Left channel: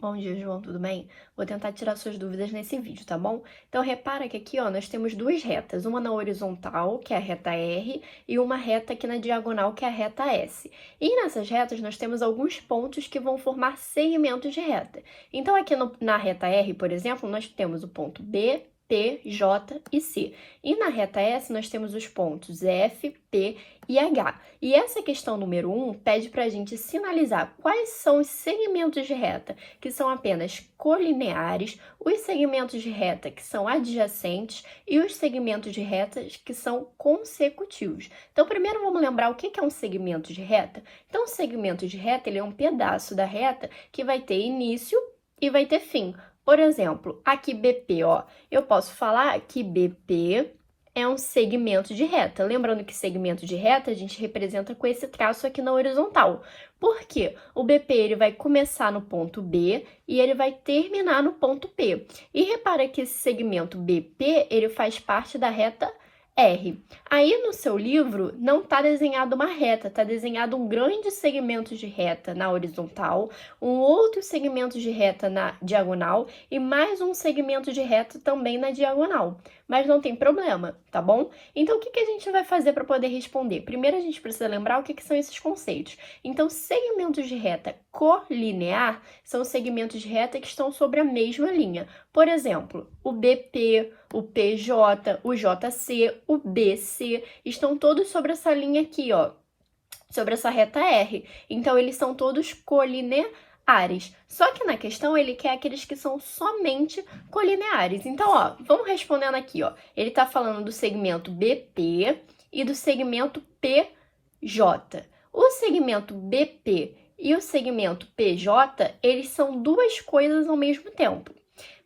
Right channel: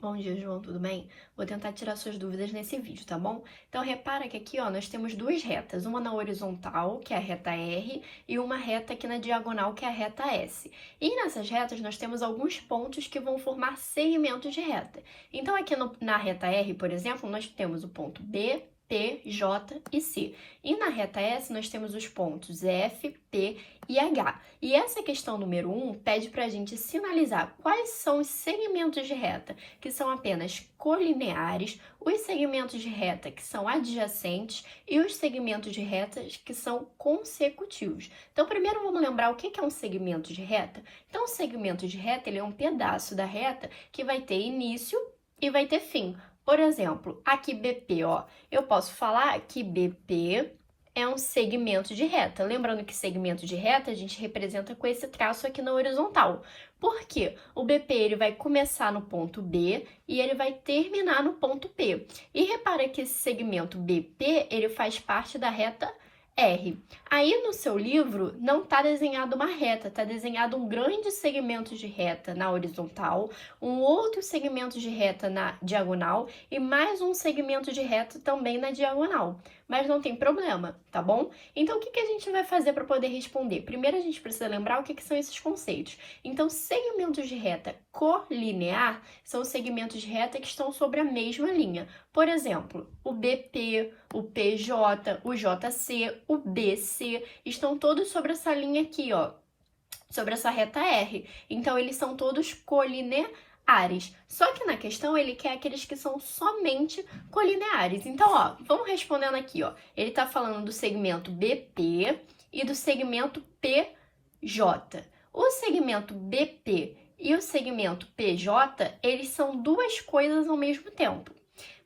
Bom dia, João, tudo bem? Vou tentar tirar suas dúvidas nesse vídeo, tá bom? Então, repara que aqui, ó, nós temos duas retas, uma na horizontal, que é a reta R, e uma reta aqui na diagonal, que é a reta S. E nessas retas, nós temos alguns pontos que vão formar segmentos de reta. Então, aqui na reta R, por exemplo, nós temos o ponto B, P, J e C. E na reta S, nós temos os pontos F, P e H. E essa questão número 1 pede para a gente sinalizar quais são os segmentos de reta que são apenas colineares, os segmentos de reta que são adjacentes e os segmentos de reta que são consecutivos. Então, primeiro vamos lembrar o que é um segmento de reta. Então, o segmento de reta ele é um pedaço da reta que vai ter início e vai ter fim. Por exemplo, aqui BP, ó, eu posso falar que BP é um segmento de reta. Lembrando que segmento de reta a gente representa com esse traço aqui na horizontal. Por quê? O BP ele vai começar no ponto B e ele vai terminar no ponto P. E repara que esse segmento BP ele faz parte da reta R. Aí no seu livro não está desenhado uma reta, está desenhado um grande segmento de reta na horizontal, um outro segmento de reta na diagonal e mais um segmento de reta também na diagonal. Mas não tem problema, tá bom? Então o que a gente vai fazer para poder responder? Primeiro a gente precisa lembrar o que são esses conceitos. Então segmentos de reta colinear são segmentos de reta que estão sobre a mesma linha. Por exemplo, o BP, o PJ, o JC, o BC, estão todos sobre essa linha aqui, ó, sobre essa reta R. Então, eles são todos colineares. Só que na questão, ele quer aqueles que são somente colineares. Então, ó, vamos respondendo aqui, ó. Ele tá falando do segmento BP e do segmento PJ. O segmento BP e o segmento PJ, eles são duas coisas ao mesmo tempo.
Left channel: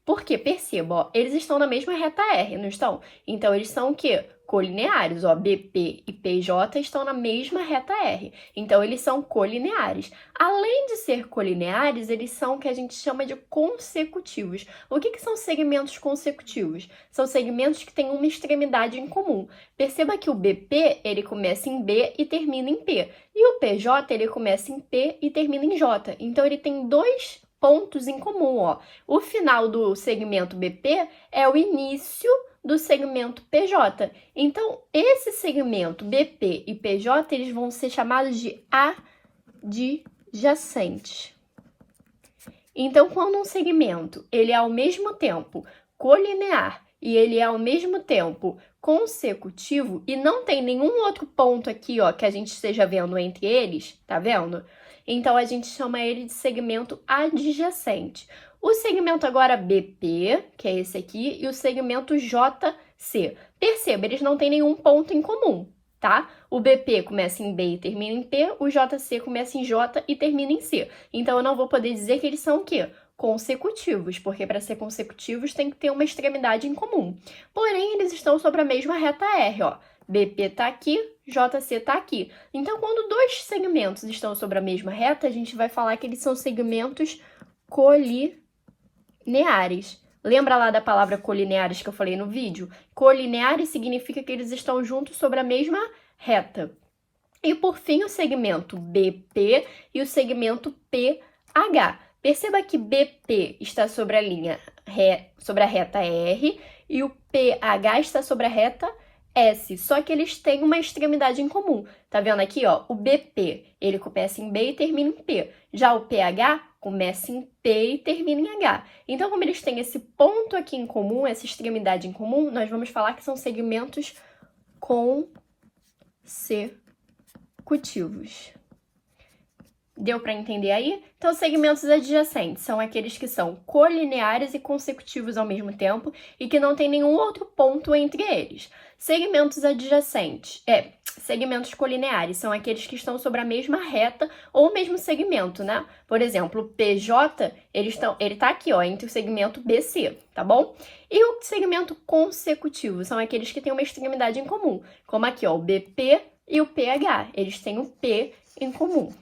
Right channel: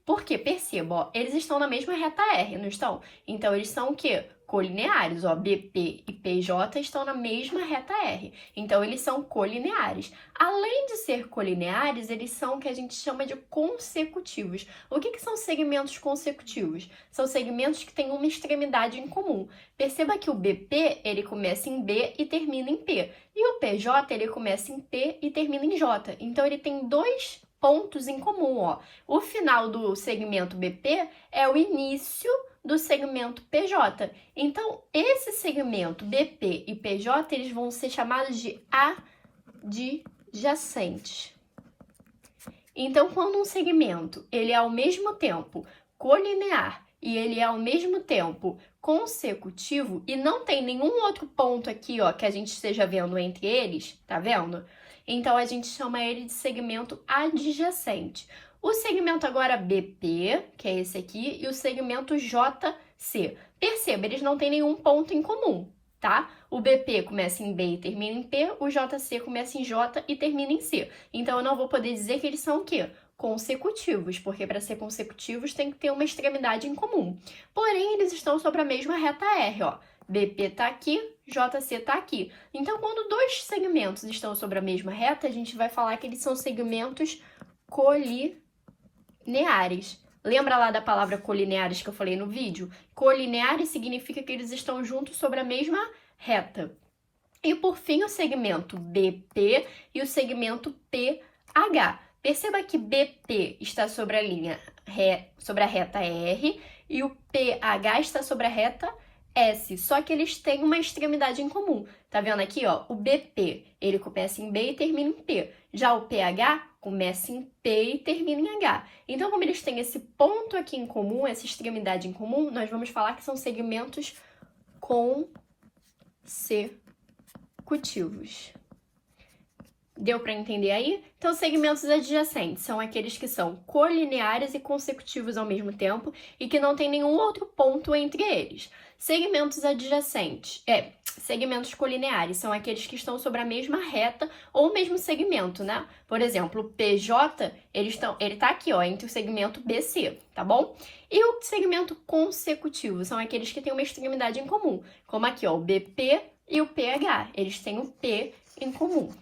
Porque, perceba, ó, eles estão na mesma reta R, não estão? Então, eles são o quê? Colineares, ó, BP e PJ estão na mesma reta R. Então, eles são colineares. Além de ser colineares, eles são o que a gente chama de consecutivos. O que são segmentos consecutivos? São segmentos que têm uma extremidade em comum. Perceba que o BP, ele começa em B e termina em P. E o PJ, ele começa em P e termina em J. Então, ele tem dois pontos em comum, ó. O final do segmento BP é o início do segmento PJ. Então, esse segmento BP e PJ, eles vão ser chamados de adjacentes. Então, quando um segmento, ele é ao mesmo tempo colinear e ele é ao mesmo tempo consecutivo e não tem nenhum outro ponto aqui, ó, que a gente esteja vendo entre eles, tá vendo? Então, a gente chama ele de segmento adjacente. O segmento agora BP, que é esse aqui, e o segmento JC. Perceba, eles não têm nenhum ponto em comum, tá? O BP começa em B e termina em P, o JC começa em J e termina em C. Então, eu não vou poder dizer que eles são o quê? Consecutivos, porque para ser consecutivos tem que ter uma extremidade em comum. Porém, eles estão sobre a mesma reta R, ó. BP está aqui, JC está aqui. Então, quando dois segmentos estão sobre a mesma reta, a gente vai falar que eles são segmentos colineares. Lembra lá da palavra colineares que eu falei no vídeo? Colineares significa que eles estão juntos sobre a mesma reta. E, por fim, o segmento BP e o segmento PH. Perceba que BP está sobre a linha sobre a reta R e o PH está sobre a reta S, só que eles têm uma extremidade em comum. Tá vendo aqui, ó? O BP, ele começa em B e termina em P. Já o PH começa em P e termina em H. Então, como eles têm esse ponto aqui em comum, essa extremidade em comum, nós vamos falar que são segmentos consecutivos. Deu para entender aí? Então, segmentos adjacentes são aqueles que são colineares e consecutivos ao mesmo tempo e que não tem nenhum outro ponto entre eles. Segmentos adjacentes, segmentos colineares são aqueles que estão sobre a mesma reta ou o mesmo segmento, né? Por exemplo, o PJ, ele tá aqui, ó, entre o segmento BC, tá bom? E o segmento consecutivo são aqueles que têm uma extremidade em comum, como aqui, ó, o BP e o PH, eles têm o P em comum.